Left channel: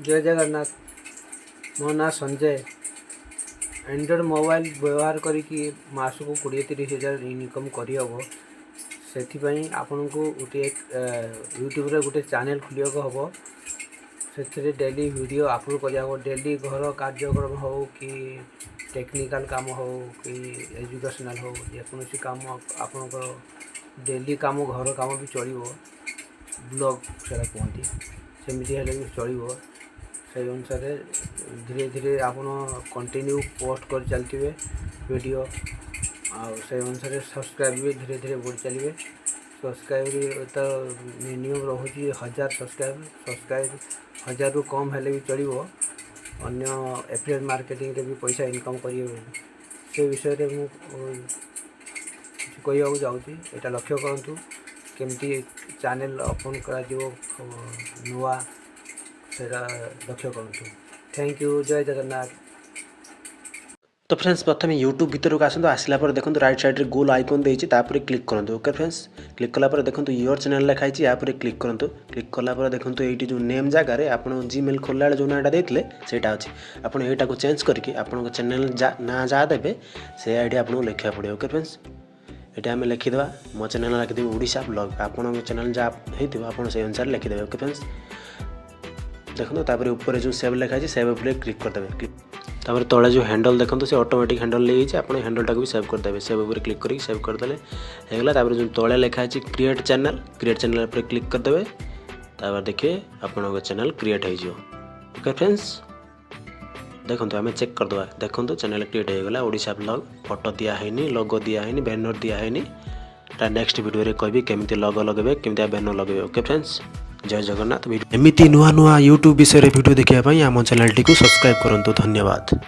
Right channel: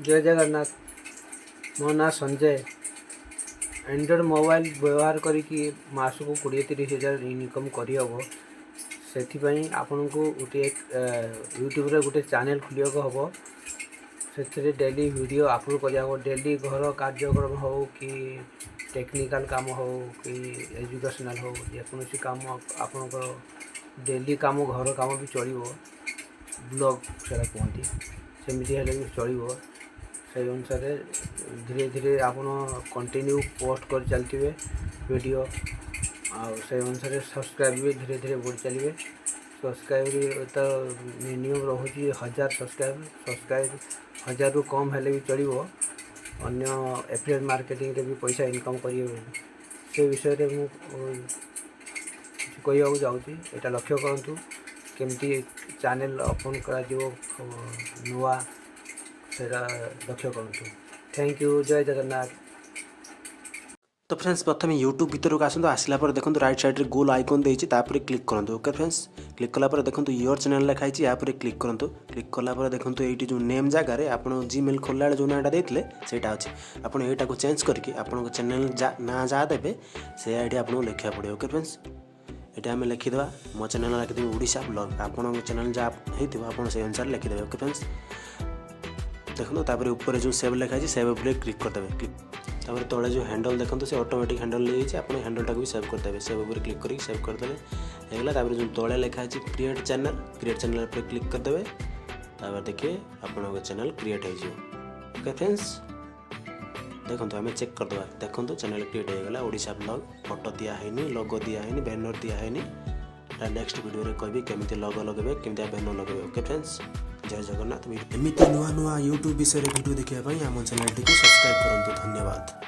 जय जगन्नाथ। मो ना संजय। एंड्रॉइड मोबाइल व्यवहार करिकी मासको 20-30 हज़ार इनकम करहब से आपन को गोटे यूट्यूब रे गोटे चैनल खोलिया हम से डेली वीडियो अपलोड करा डेली घर कार्यक्रम हो कि टेक्निकल काम हो कि एजुकेशनल हो जेकोसी काम आपनकर डेली काम घर काम भी चलो ब्लॉग से कहती सेमती हेल्ले भी चलो से अनुसार धीरे धीरे आपन कंटिन्यू पोस्ट कर चलते वीडियो से अनुसार सब्सक्राइब भी धीरे धीरे बढ़ी चलिए। सब्सक्राइब तो मिनिमम रोचे 1000 सब्सक्राइब 1000 रु कम हेल्ले भी चलो अन्य एफिलिएट मार्केटिंग रे भी पैसा इनकम करिए से विषय में कहवाक जाऊँगी। यहाँ लक्ष्य करूँ केमती चैनल ओपन कर नुआ से लक्ष्य करूँ। Thank you. जय जगन्नाथ। तो फ्रेंड्स प्रथम यूट्यूब भीतर को आसतु आसला देखो राइट साइड गोल आइकन देती क्लिक करूँ। ओके फ्रेंड्स क्लिक कलापर देखो योर चैनल लिखाई यहाँ क्लिक करूँ। क्लिक कलापर देखो ये जो नेम जगार आप जीमेल खोलला जो नाटा देते से अच्छे आपड़ यहाँ को चेंज करके आप चैनल ना जहाँ देवे से आईडी आपको लिखा पड़े। ओके फ्रेंड्स ये आम लिखिदे मो चैनल लिखिदेवी ओडिशा ब्लॉग आपन चैनल जहाँ हो से अनुसार लिखिदेवे। ओके फ्रेंड्स देखो तापर ऊपर जो सेव लिखाई सेव उपर क्लिक करदे तापर तले जो हैंडल देखो से ऑटोमेटिक हैंडल ले आप हैंडल टाक भी सेव करदे सेव उपर क्लिक करके सेव करदे होगा। तापर जो तले लिखाई क्रिएट चैनल पर क्लिक करदे तापर देखिए आपन चैनल क्रिएट हो। ओके फ्रेंड्स देखो आम चेक करदे देखो चैनल क्रिएट हो गला ओडिशा ब्लॉग फोटो दिखाई लोगो दिखाई बैनर दिखाई नेक्स्ट वीडियो रे कहबी केमती लोगो लगे केमती बैनर लगे। ओके फ्रेंड्स जय जगन्नाथ। एमती नुआ नुआ यूट्यूब विषय वीडियो देखा आम चैनल टी सब्सक्राइब करूँ। धन्यवाद।